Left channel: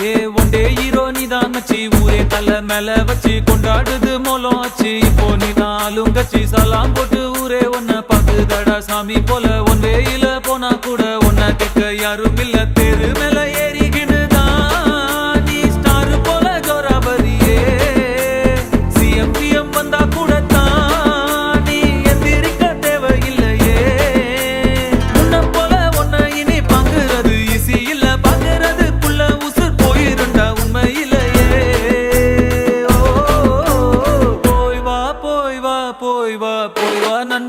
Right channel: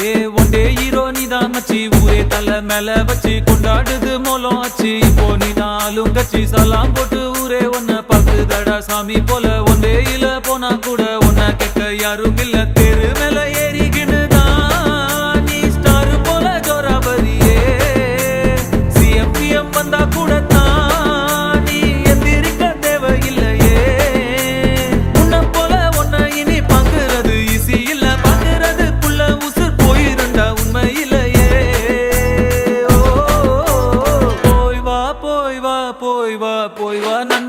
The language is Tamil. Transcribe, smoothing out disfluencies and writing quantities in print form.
ஏ ஒண்டே ஹீரோ நீதான் மச்சி ஊரே தலை மேல வச்சு கொண்டாடுது மோலம் ஆச்சு இப்போ நீ நாலுங்கச்சி சலாம் போட்டு ஊரே ஒன்ன பாக்குதடா சாமி போல ஒன் வேயில போனா கூட ஒன்ன கேட்க யாரும் இல்ல தெரு மேல ஏறிக்கினுதான் நீ ஸ்டார் போல ஜோராபரியே சிஎம்பிஎம் வந்தா கூட தான் நீ எந்திரிக்க தேவையில்லையே முன்ன போல ஒன்ன இனி பாக்குறது ஈஸி இல்ல பாக்குறதுக்குள்ள உசுர் போயிருண்டா உண்மையிலேயே போய் வா போய் வா போய் வா போய் வா நண்பா